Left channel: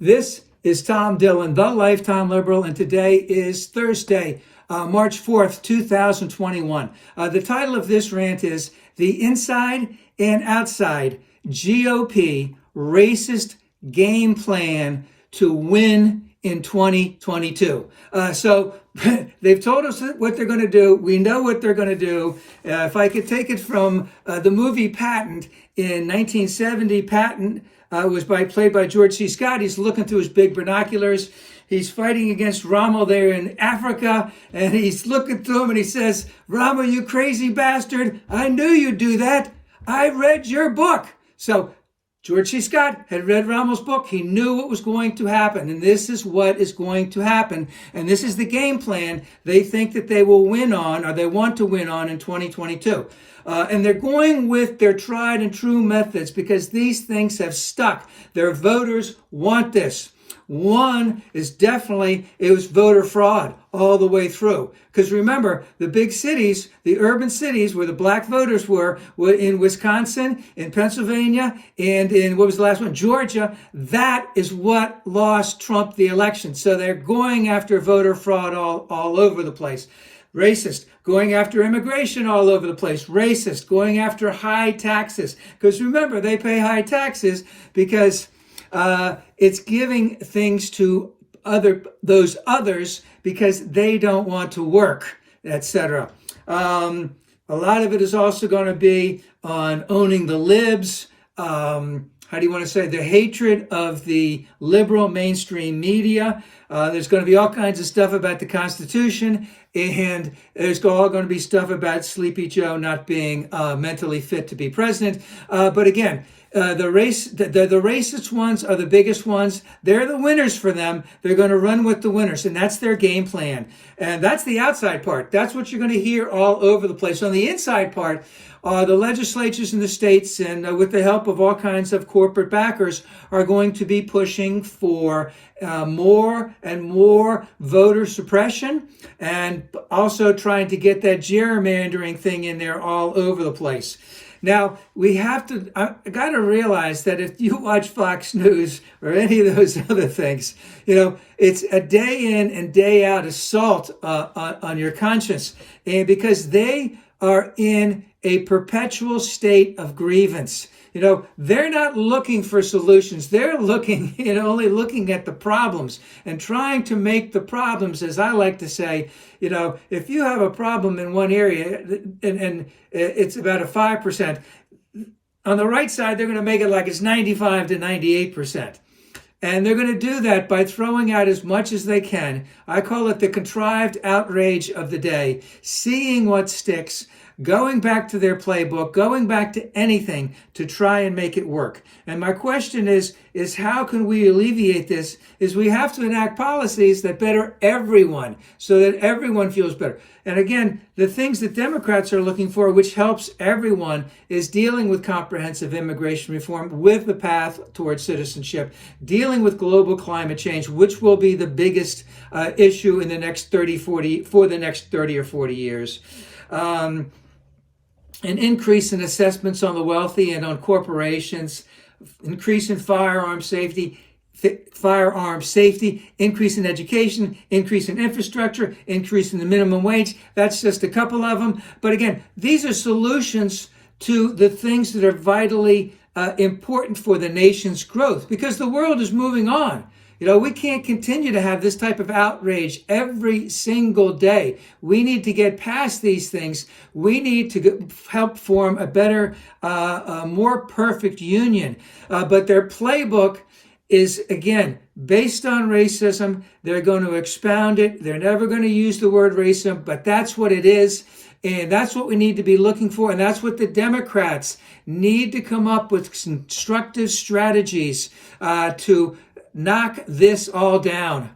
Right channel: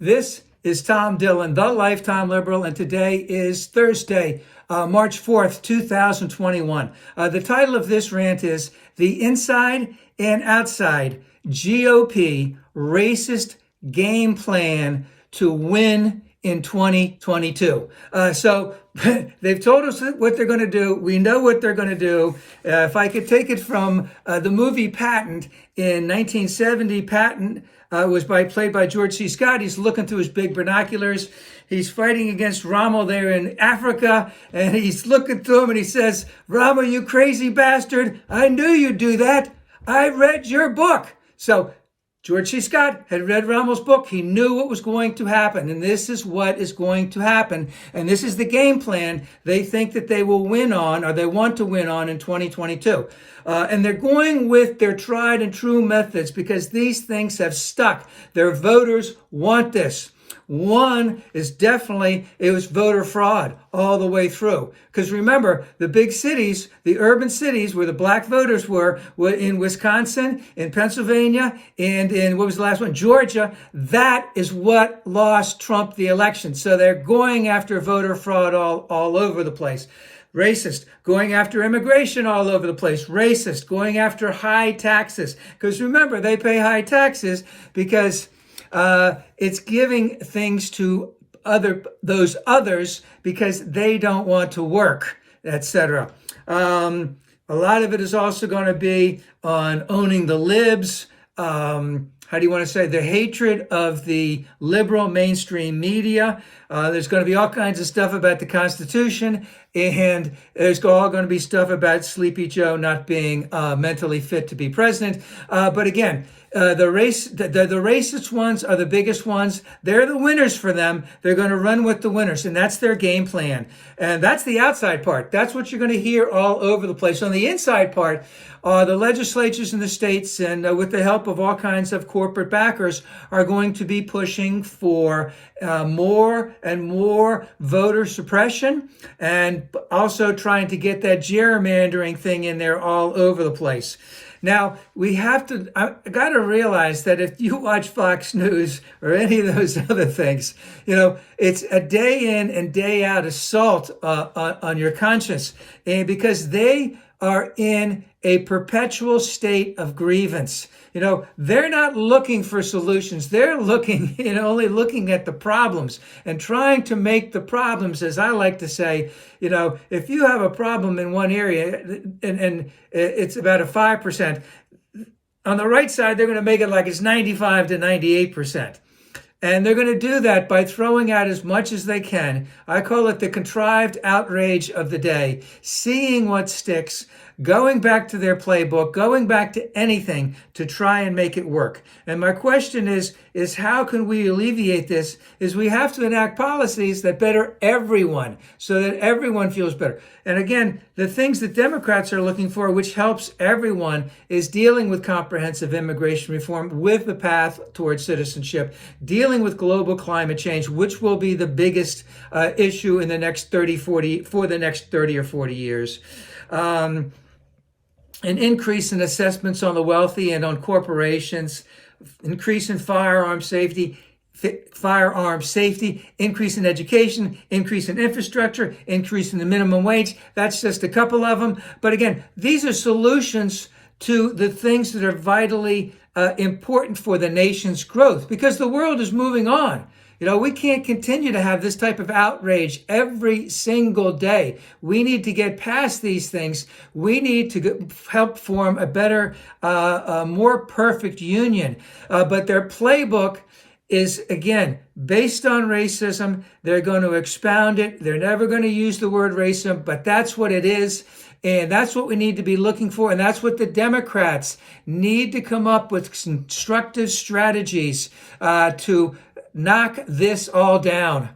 This is Tom Dillon, the Lifetime Liberal, and today is Thursday, March 4th, 2021. The title of this rant is The Inside and Outside GOP Racist Game Plan to Win in 2022. So they've told us what they're going to do. We know what they're going to do. If I could take it from the movie Patton in 1970, Patton was played by George C. Scott. He's looking through his big binoculars. He's fighting against Rommel there in Africa, and he's looking through him and he says, "Rommel, you crazy bastard, I knew you'd do that. I read your book." So George C. Scott had read Rommel's book. He knew what was going to happen, and this is what is going to happen. And this is the game plan they think that they will win on, or they want to win on in 2022. And they're going with their tried and true methods because these things have stuck. Their voters want this. One is definitely, it was voter fraud all the way through. Because remember, the big cities, the urban cities where the black voters were in Wisconsin, in Pennsylvania, and in, what was the last one? Georgia. That is what lost Trump the election. So they're going after voter fraud all over the place. Racist, going after immigration all over the place. Racist, going after high taxes. Because remember, they pay high taxes because it's giving things to those others because they don't want to work, etc. A lot of it is also going to be on owning the libs. How do you want to say? The hatred of the liberal mainstream media. There's going to be all kinds of stuff about the Constitution, and there's all going to be stuff about Sleepy Joe not being mentally fit to be president. But again, the racist ones are the biggest ones. They're the winners for them. They're going to run with the winners, and that's their game plan. And that's the outside part. That's what you're going to hear all over the place. On the inside part, the legislatures in the states, and with the help of all kinds of corporate backers, are going to be pushing for more and more voter suppression, and also trying to get that gerrymandering thing in there all over the place. Now, I got to realize that if you watch Fox News or any of those other things, it's a day in and day out assault on your conscience, and because they are in a perpetual state of grievance. They're not looking for solutions. They're only looking at the problems and trying to make the problems, as I like to say, if you have a problem in one area and it's about a 5%, on the right side, they're going to make it like it's 95 to 98%. And they're going to do that by throwing out as much as they can. I call it the contrived outrage of the day, seeing what sticks, going back to their playbook, going back to anything to try and make it work. And my question is how can we alleviate this? Is we have to enact policies that better everyone so that everyone feels better. And again, the things that Democrats are looking for, which helps everyone, is dealing with comprehensive immigration reform with the path towards citizenship, dealing with global climate change, which will be the biggest issue in the next 30 or 40 years. An increase in assessments on the wealthy and on corporations, increase in firearm safety, increase in education, increase in infrastructure, increase in the minimum wage. That's just a couple of them. But again, these are solutions to the things that are vitally important for the nation's growth, because the world is moving on. We can't continue to have this type of outrage every single day. We need to get past these things. We need to help form a better, more perfect union. But their playbook is, again, based on racism. They're going to expound it. They're never going to use the word racism, but that's what it is. And that's what we need to be looking for. And that's what the Democrats need to come up with, constructive strategies to knock this all down.